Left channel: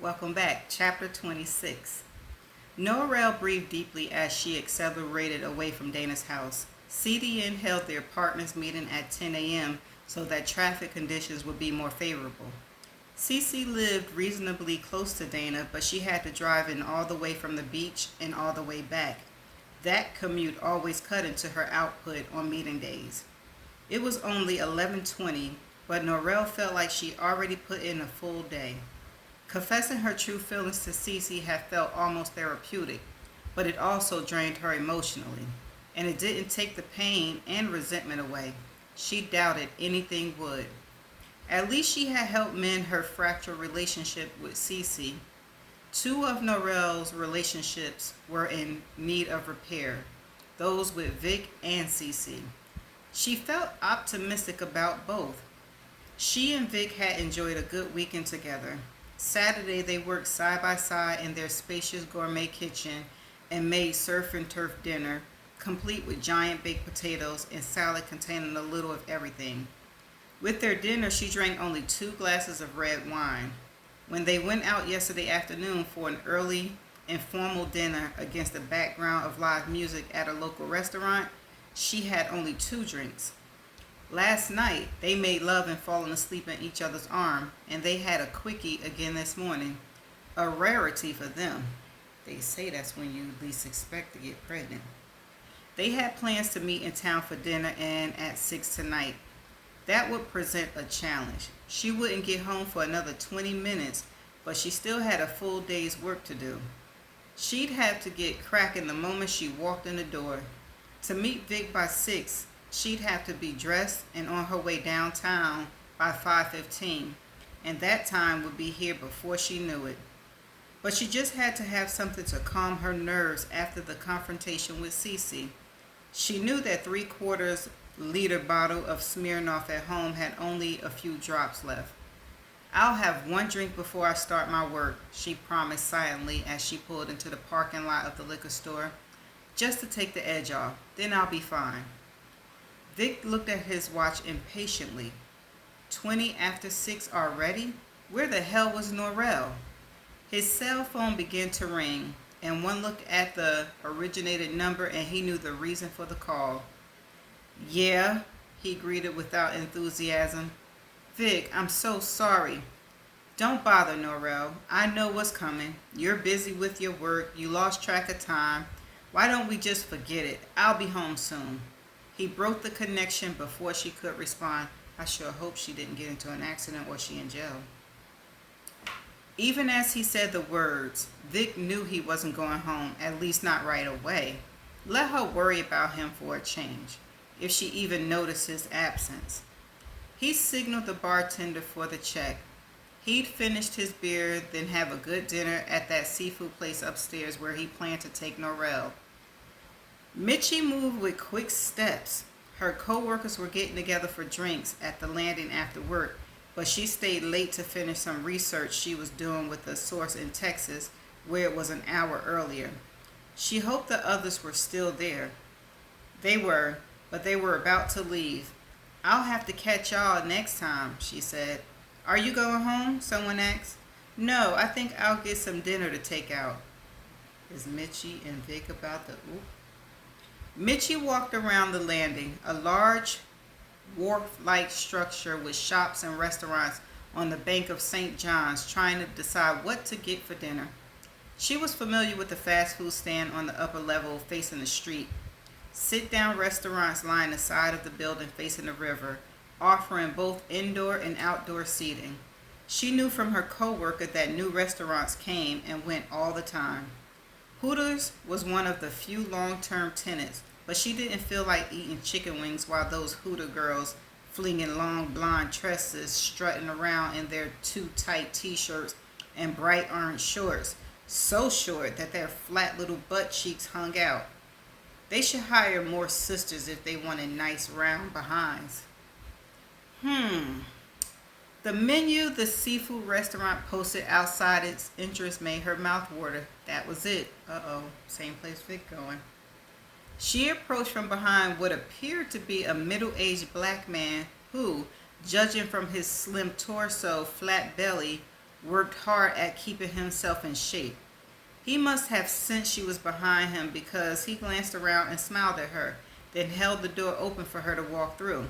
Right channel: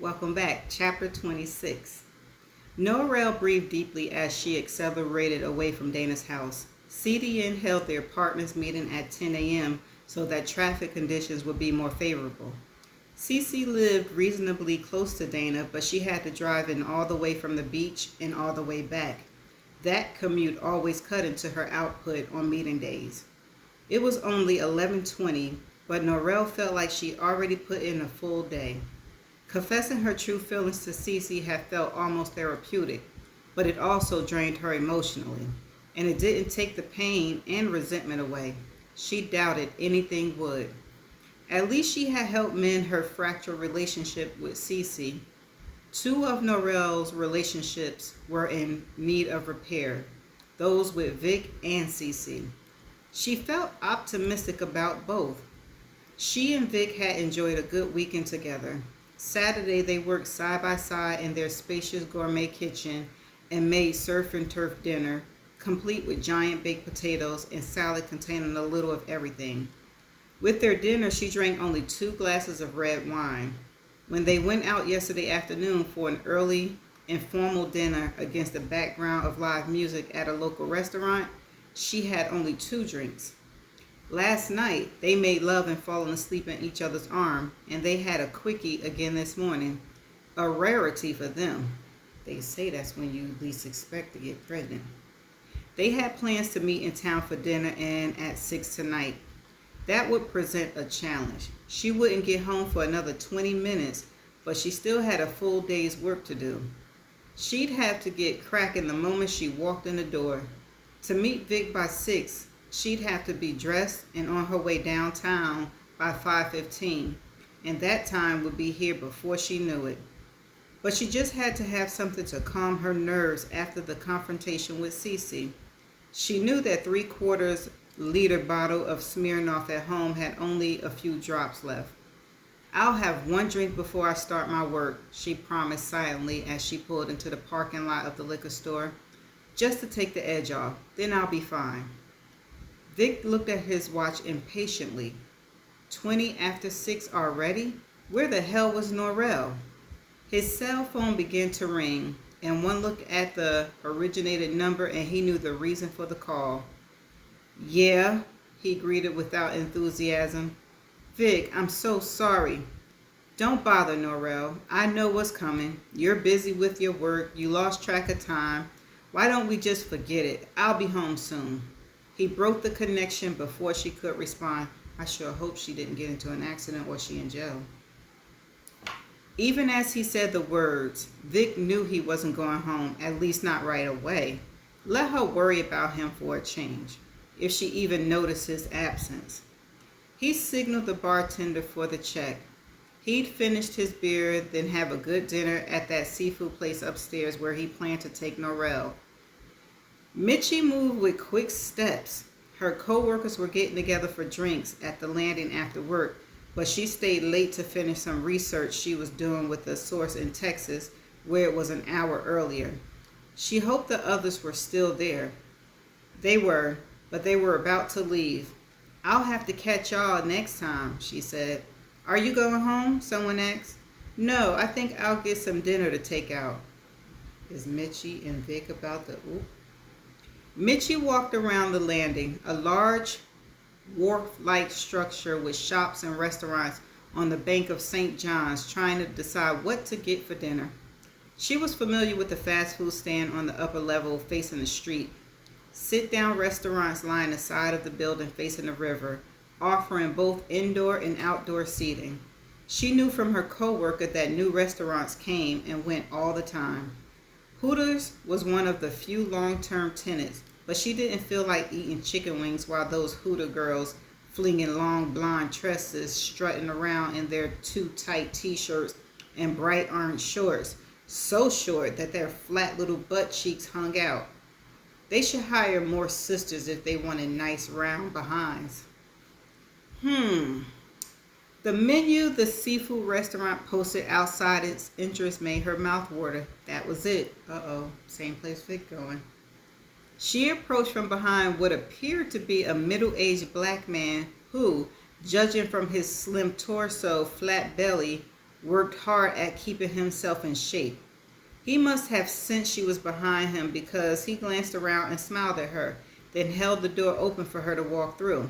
Welcome back. Chapter 26. Norrell breathed deeply as she accelerated away from Dana's house. CDN held the apartment's meeting at 10 a.m. so that traffic conditions would be more favorable. Cece lived reasonably close to Dana, but she had to drive in all the way from the beach and all the way back. That commute always cut into her output on meeting days. It was only 11:20, but Norrell felt like she already put in a full day. Confessing her true feelings to Cece had felt almost therapeutic, but it also drained her emotionally, and it didn't take the pain and resentment away. She doubted anything would. At least she had helped mend her fractured relationship with Cece. Two of Norrell's relationships were in need of repair, those with Vic and Cece. She felt optimistic about both. She and Vic had enjoyed a good weekend together. Saturday, they worked side by side in their spacious gourmet kitchen and made surf and turf dinner, complete with giant baked potatoes and salad containing a little of everything. With their dinner, she drank only 2 glasses of red wine. When they went out yesterday afternoon for an early, informal dinner against the background of live music at a local restaurant, she had only 2 drinks. Last night, they made love and fallen asleep in each other's arm, and they had a quickie again this morning, a rarity for them. They say that's when you least expect to get pregnant. They had plans to meet in town for dinner and at 6 tonight. That would present a challenge. She wouldn't get home for another 20 minutes, but she still had a full day's work to do. She'd have to get cracking the moment she walked in the door. To meet Vic by 6, she'd have to be dressed and on her way downtown by 5:15, and that time would be here before she knew it. But she just had to have something to calm her nerves after the confrontation with Cece. She knew that 3/4 liter bottle of Smirnoff at home had only a few drops left. "I'll have 1 drink before I start my work," she promised silently as she pulled into the parking lot of the liquor store, "just to take the edge off. Then I'll be fine." Vic looked at his watch impatiently. 20 after 6 already? Where the hell was Norrell? His cell phone began to ring, and one look at the originated number and he knew the reason for the call. "Yeah," he greeted without enthusiasm. "Vic, I'm so sorry." "Don't bother, Norrell. I know what's coming. You're busy with your work. You lost track of time. Why don't we just forget it? I'll be home soon." He broke the connection before she could respond. I sure hope she didn't get into an accident or she in jail. Even as he said the words, Vic knew he wasn't going home, at least not right away. Let her worry about him for a change, if she even noticed his absence. He signaled the bartender for the check. He'd finished his beer, then have a good dinner at that seafood place upstairs where he planned to take Norrell. Mitchie moved with quick steps. Her co-workers were getting together for drinks at the landing after work, but she stayed late to finish some research she was doing with a source in Texas where it was an hour earlier. She hoped the others were still there. They were, but they were about to leave. "I'll have to catch y'all next time," she said. "Are you going home?" someone asked. "No, I think I'll get some dinner to take out." Is Mitchie and Vic about to oop? Mitchie walked around the landing, a large wharf-like structure with shops and restaurants on the bank of St. John's, trying to decide what to get for dinner. She was familiar with the fast food stand on the upper level facing the street. Sit-down restaurants lined the side of the building facing the river, offering both indoor and outdoor seating. She knew from her co-worker that new restaurants came and went all the time. Hooters was one of the few long-term tenants, but she didn't feel like eating chicken wings while those Hooter girls, flinging long blonde tresses, strutting around in their too tight t-shirts and bright orange shorts, so short that their flat little butt cheeks hung out. They should hire more sisters if they wanted nice round behinds. The menu the seafood restaurant posted outside its entrance made her mouth water. That was it. Same place Vic going. She approached from behind what appeared to be a middle-aged black man who, judging from his slim torso, flat belly, worked hard at keeping himself in shape. He must have sensed she was behind him because he glanced around and smiled at her, then held the door open for her to walk through.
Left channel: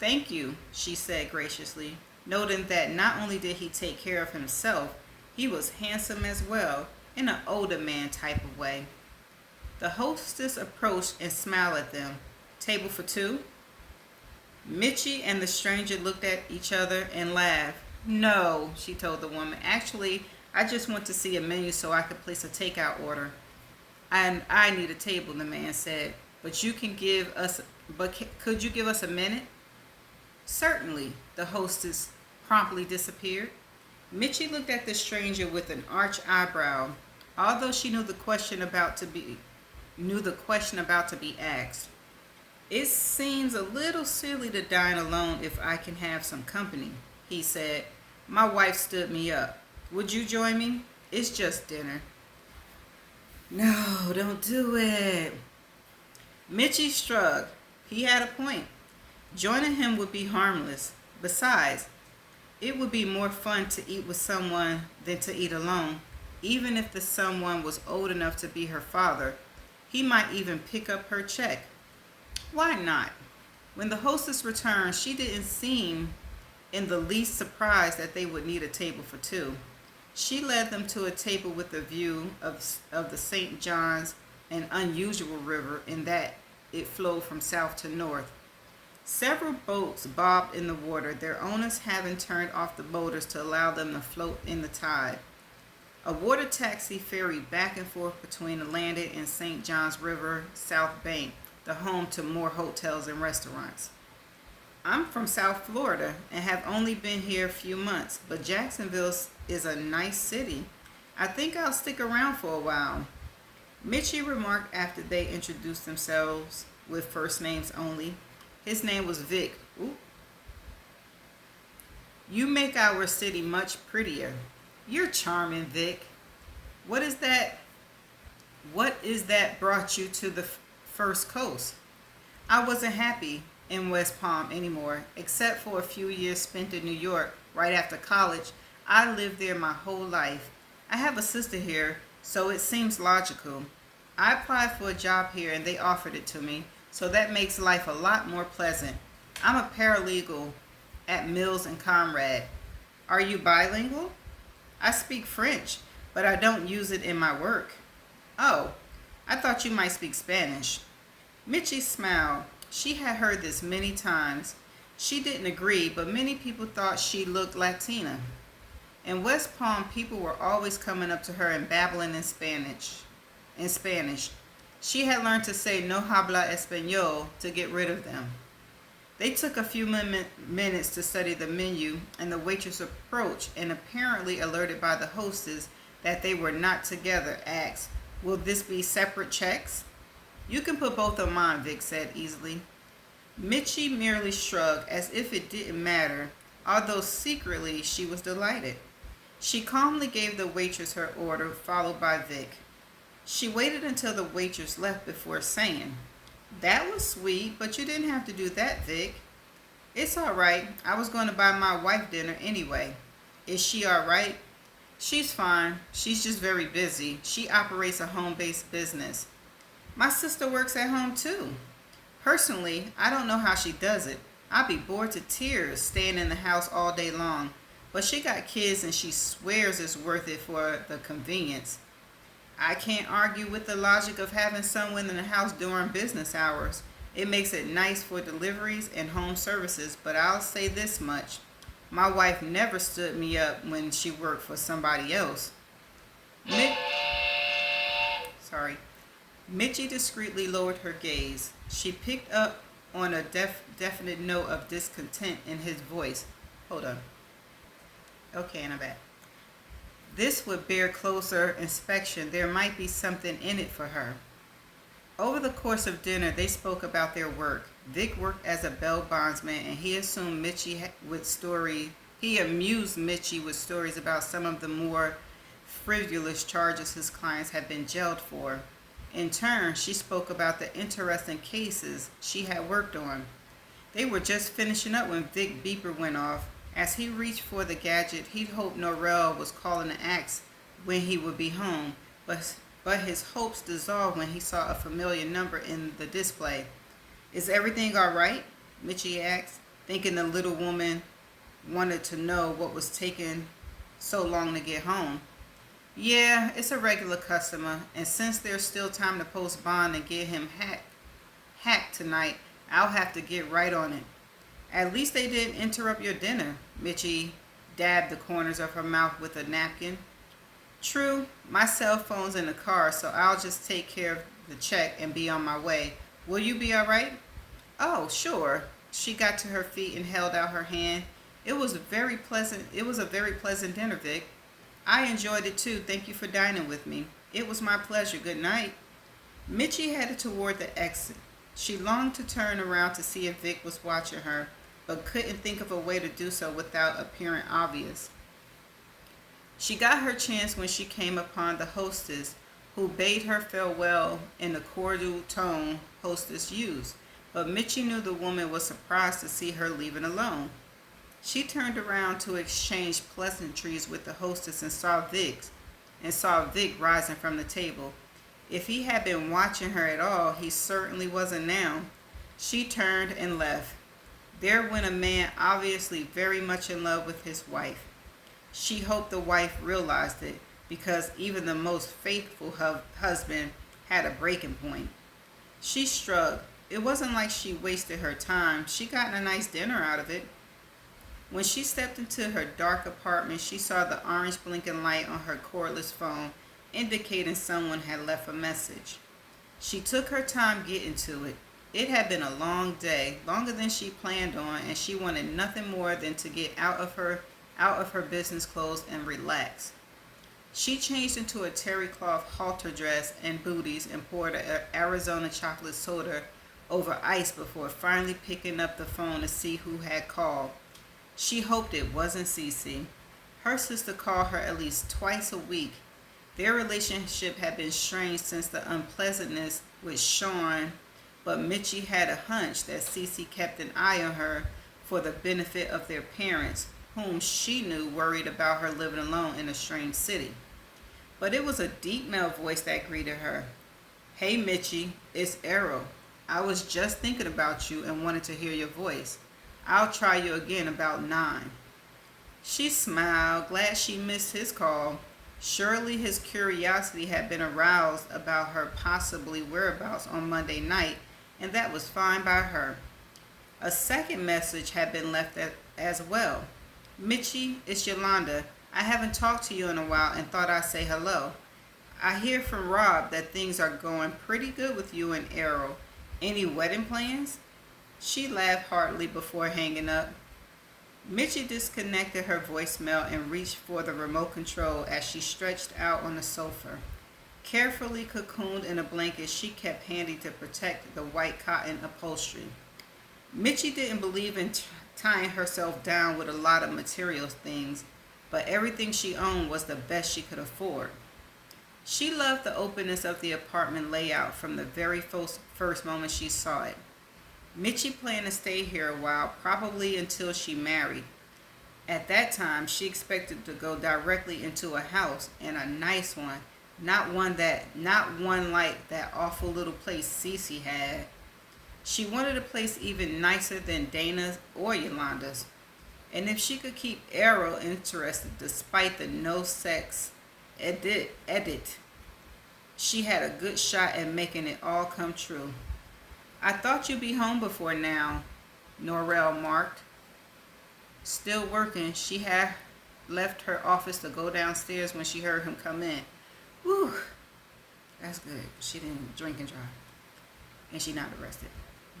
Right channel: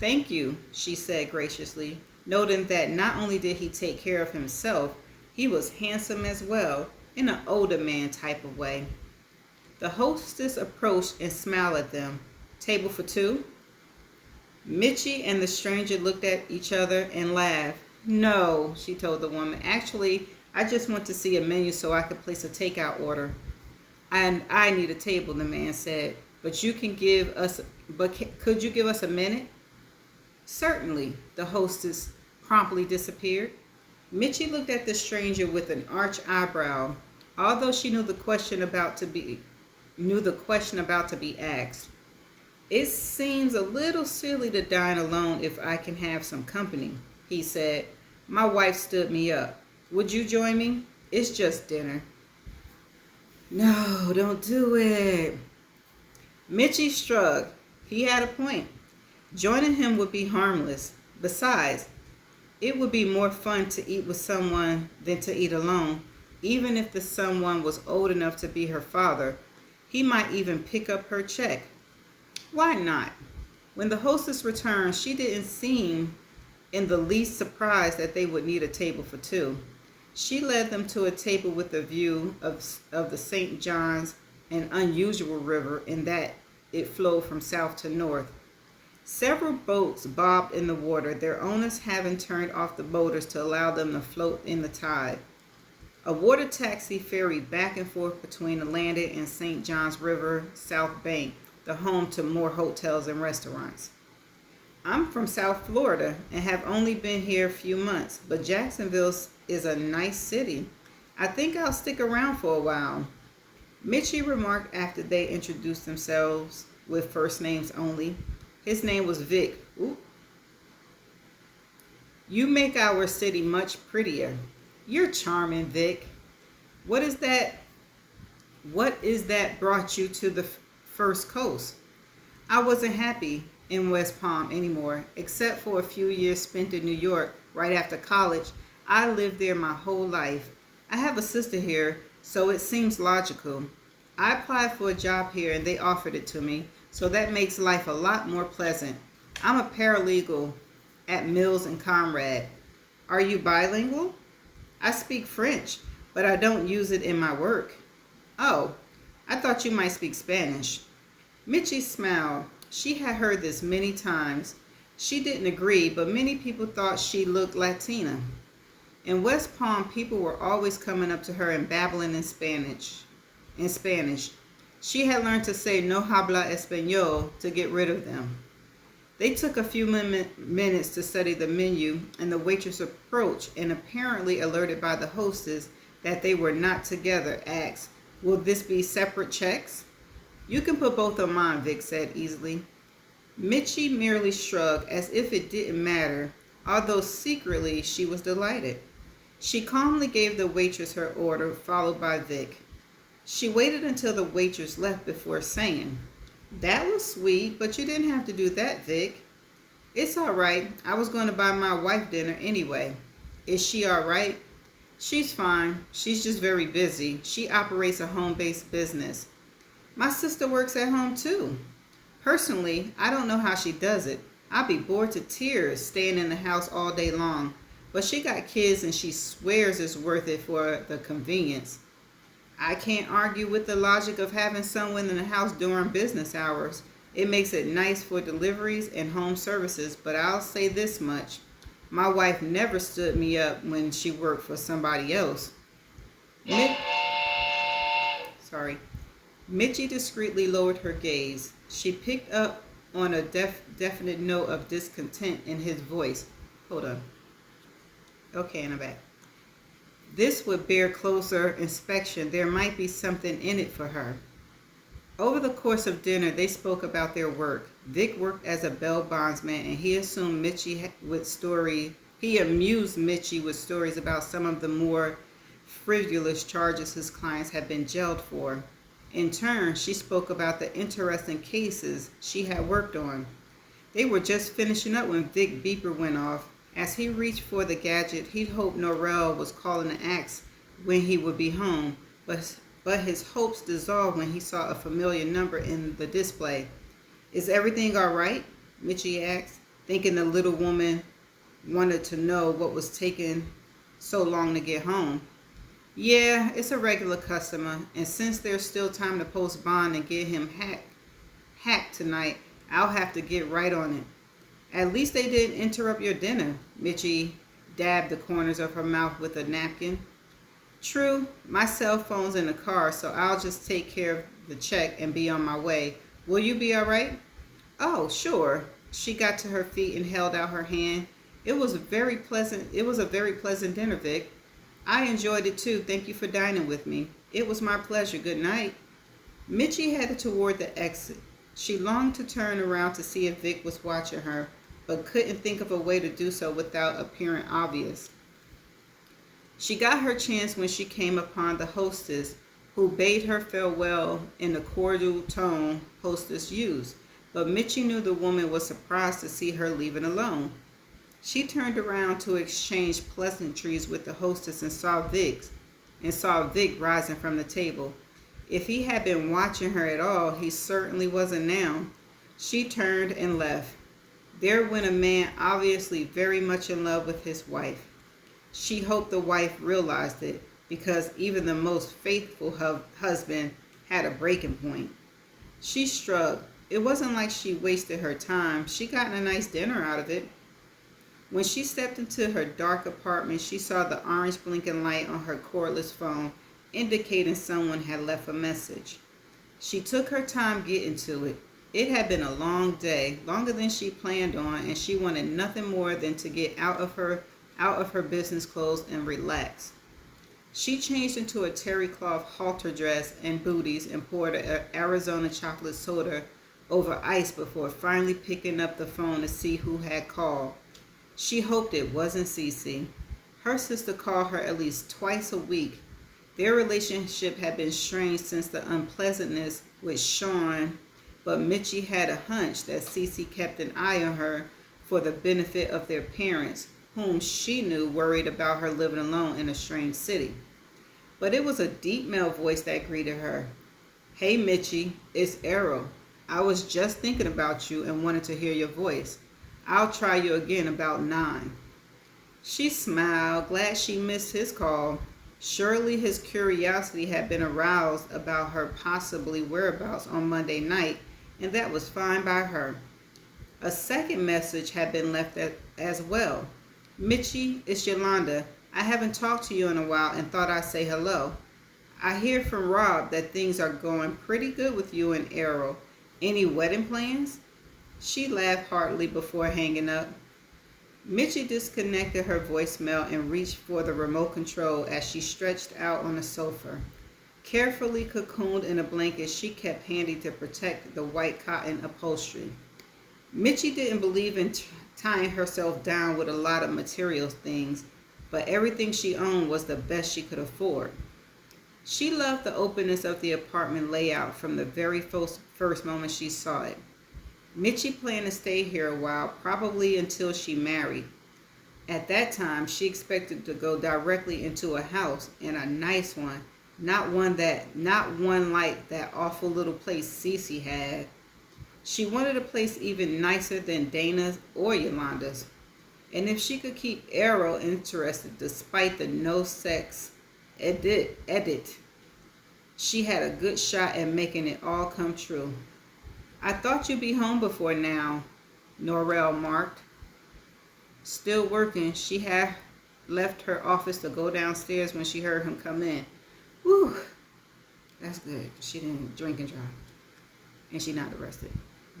"Thank you," she said graciously, noting that not only did he take care of himself, he was handsome as well, in an older man type of way. The hostess approached and smiled at them. "Table for two?" Mitchie and the stranger looked at each other and laughed. "No," she told the woman. "Actually, I just want to see a menu so I can place a takeout order." "And I need a table," the man said. Could you give us a minute?" "Certainly." The hostess promptly disappeared. Mitchie looked at the stranger with an arched eyebrow, although she knew the question about to be asked. "It seems a little silly to dine alone if I can have some company," he said. "My wife stood me up. Would you join me? It's just dinner." "No, don't do it." Mitchie shrugged. He had a point. Joining him would be harmless. Besides, it would be more fun to eat with someone than to eat alone. Even if the someone was old enough to be her father, he might even pick up her check. Why not? When the hostess returned, she didn't seem in the least surprised that they would need a table for two. She led them to a table with a view of the St. John's, an unusual river in that it flowed from south to north. Several boats bobbed in the water, their owners having turned off the motors to allow them to float in the tide. A water taxi ferried back and forth between the landing and St. John's River South Bank, the home to more hotels and restaurants. "I'm from South Florida and have only been here a few months, but Jacksonville is a nice city. I think I'll stick around for a while," Mitchie remarked after they introduced themselves with first names only. His name was Vic. "Ooh. You make our city much prettier." "You're charming, Vic. What is that brought you to the First Coast?" "I wasn't happy in West Palm anymore, except for a few years spent in New York right after college. I lived there my whole life. I have a sister here, so it seems logical. I applied for a job here and they offered it to me, so that makes life a lot more pleasant. I'm a paralegal at Mills and Conrad." "Are you bilingual?" "I speak French, but I don't use it in my work." "Oh, I thought you might speak Spanish." Mitchie smiled. She had heard this many times. She didn't agree, but many people thought she looked Latina. In West Palm, people were always coming up to her and babbling in Spanish. She had learned to say "no habla español" to get rid of them. They took a few minutes to study the menu, and the waitress approached and, apparently alerted by the hostess that they were not together, asked, "Will this be separate checks?" "You can put both on mine," Vic said easily. Mitchie merely shrugged as if it didn't matter, although secretly she was delighted. She calmly gave the waitress her order, followed by Vic. She waited until the waitress left before saying, "That was sweet, but you didn't have to do that, Vic." "It's all right. I was going to buy my wife dinner anyway." "Is she all right?" "She's fine. She's just very busy. She operates a home-based business." "My sister works at home too. Personally, I don't know how she does it. I'd be bored to tears staying in the house all day long. But she got kids and she swears it's worth it for the convenience." "I can't argue with the logic of having someone in the house during business hours. It makes it nice for deliveries and home services, but I'll say this much. My wife never stood me up when she worked for somebody else." Mitchie discreetly lowered her gaze. She picked up on a definite note of discontent in his voice. "Hold on. Okay, I'm back. This would bear closer inspection. There might be something in it for her." Over the course of dinner, they spoke about their work. Vic worked as a bail bondsman, and he amused Mitchie with stories about some of the more frivolous charges his clients had been jailed for. In turn, she spoke about the interesting cases she had worked on. They were just finishing up when Vic's beeper went off, As he reached for the gadget, he hoped Norrell was calling to ask when he would be home, but his hopes dissolved when he saw a familiar number in the display. Is everything all right? Mitchie asked, thinking the little woman wanted to know what was taking so long to get home. Yeah, it's a regular customer, and since there's still time to post bond and get him hacked tonight, I'll have to get right on it. At least they didn't interrupt your dinner. Mitchie dabbed the corners of her mouth with a napkin. True, my cell phone's in the car, so I'll just take care of the check and be on my way. Will you be all right? Oh, sure. She got to her feet and held out her hand. It was a very pleasant dinner, Vic. I enjoyed it too. Thank you for dining with me. It was my pleasure. Good night. Mitchie headed toward the exit. She longed to turn around to see if Vic was watching her, but couldn't think of a way to do so without appearing obvious. She got her chance when she came upon the hostess, who bade her farewell in the cordial tone hostess used, but Mitchie knew the woman was surprised to see her leaving alone. She turned around to exchange pleasantries with the hostess and saw Vic rising from the table. If he had been watching her at all, he certainly wasn't now. She turned and left. There went a man obviously very much in love with his wife. She hoped the wife realized it, because even the most faithful husband had a breaking point. She shrugged. It wasn't like she wasted her time. She got a nice dinner out of it. When she stepped into her dark apartment, she saw the orange blinking light on her cordless phone, indicating someone had left a message. She took her time getting to it. It had been a long day, longer than she planned on, and she wanted nothing more than to get out of her business clothes and relax. She changed into a terry cloth halter dress and booties and poured an Arizona chocolate soda over ice before finally picking up the phone to see who had called. She hoped it wasn't Cece. Her sister called her at least twice a week. Their relationship had been strained since the unpleasantness with Sean, but Mitchie had a hunch that Cece kept an eye on her for the benefit of their parents, whom she knew worried about her living alone in a strange city. But it was a deep male voice that greeted her. Hey Mitchie, it's Errol. I was just thinking about you and wanted to hear your voice. I'll try you again about 9. She smiled, glad she missed his call. Surely his curiosity had been aroused about her possibly whereabouts on Monday night, and that was fine by her. A second message had been left as well. Mitchie, it's Yolanda. I haven't talked to you in a while and thought I'd say hello. I hear from Rob that things are going pretty good with you and Errol. Any wedding plans? She laughed heartily before hanging up. Mitchie disconnected her voicemail and reached for the remote control as she stretched out on the sofa. Carefully cocooned in a blanket she kept handy to protect the white cotton upholstery. Mitchie didn't believe in tying herself down with a lot of material things, but everything she owned was the best she could afford. She loved the openness of the apartment layout from the very first moment she saw it. Mitchie planned to stay here a while, probably until she married. At that time, she expected to go directly into a house, and a nice one, not one like that awful little place Cece had. She wanted a place even nicer than Dana's or Yolanda's. And if she could keep Errol interested despite the no-sex edit, she had a good shot at making it all come true. I thought you'd be home before now, Norrell marked. Still working, she had left her office to go downstairs when she heard him come in. Whew, that's good. She didn't drink and drive. And she not arrested.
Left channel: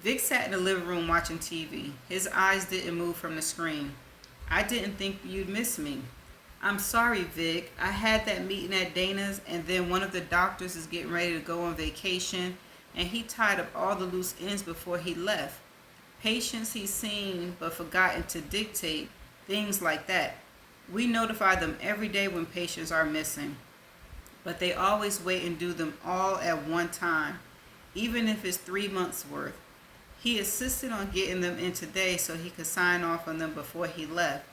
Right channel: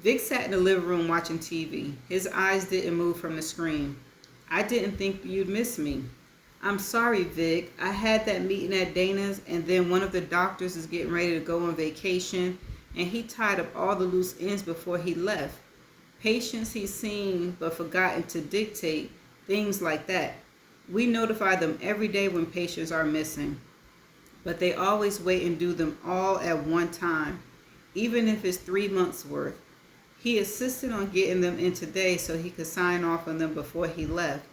Vic sat in the living room watching TV. His eyes didn't move from the screen. I didn't think you'd miss me. I'm sorry, Vic. I had that meeting at Dana's, and then one of the doctors is getting ready to go on vacation, and he tied up all the loose ends before he left. Patients he's seen but forgotten to dictate, things like that. We notify them every day when patients are missing, but they always wait and do them all at one time, even if it's 3 months worth. He insisted on getting them in today so he could sign off on them before he left.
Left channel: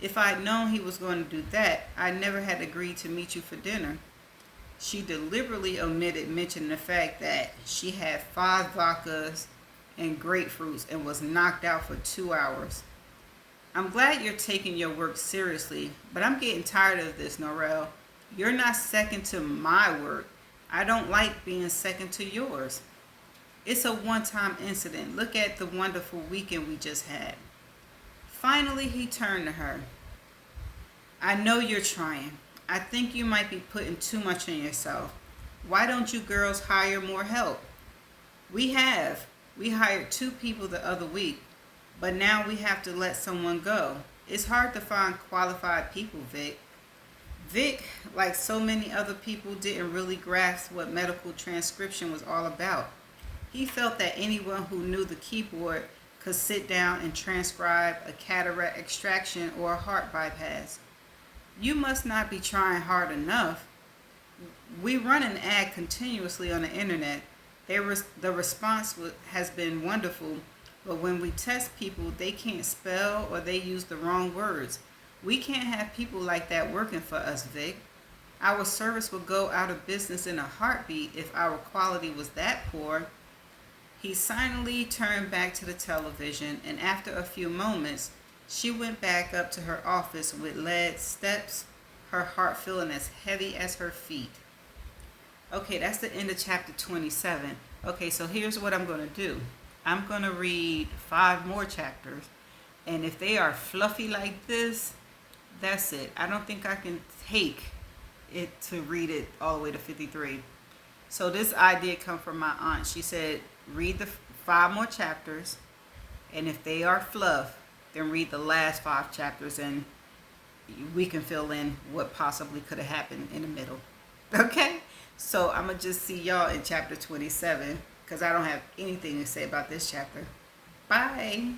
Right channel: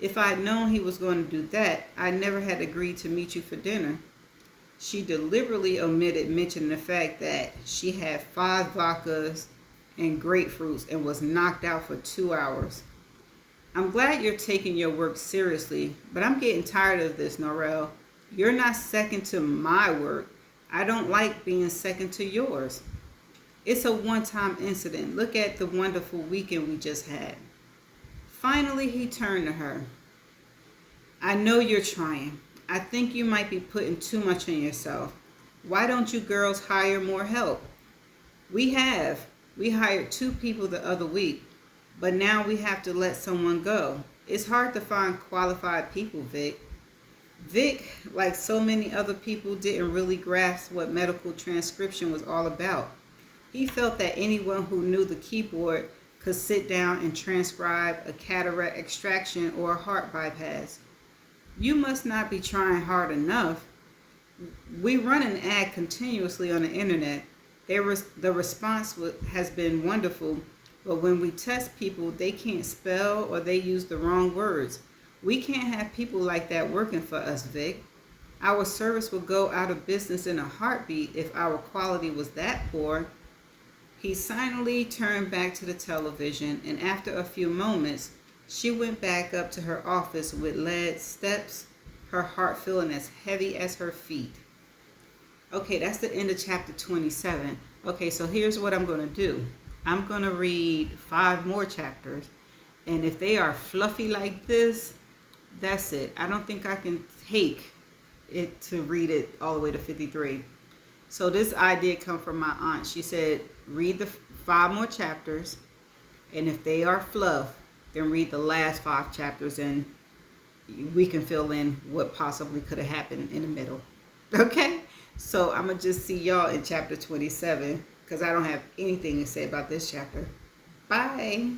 If I'd known he was going to do that, I never had agreed to meet you for dinner. She deliberately omitted mentioning the fact that she had 5 vodkas and grapefruits and was knocked out for 2 hours. I'm glad you're taking your work seriously, but I'm getting tired of this, Norrell. You're not second to my work. I don't like being second to yours. It's a one-time incident. Look at the wonderful weekend we just had. Finally, he turned to her. I know you're trying. I think you might be putting too much on yourself. Why don't you girls hire more help? We have. We hired 2 people the other week, but now we have to let someone go. It's hard to find qualified people, Vic. Vic, like so many other people, didn't really grasp what medical transcription was all about. He felt that anyone who knew the keyboard could sit down and transcribe a cataract extraction or a heart bypass. You must not be trying hard enough. We run an ad continuously on the internet. The response has been wonderful, but when we test people, they can't spell or they use the wrong words. We can't have people like that working for us, Vic. Our service would go out of business in a heartbeat if our quality was that poor. He silently turned back to the television, and after a few moments, she went back up to her office with lead steps, her heart feeling as heavy as her feet. Okay, that's the end of chapter 27. Okay, so here's what I'm going to do. I'm going to read 5 more chapters, and if they are fluffy like this, that's it. I don't think I can take it to read it all the way to 53. So this idea come from my aunt. She said, read the 5 more chapters, and if they are fluff, then read the last 5 chapters, and we can fill in what possibly could have happened in the middle. Okay? So I'm going to just see y'all in chapter 27, because I don't have anything to say about this chapter. Bye.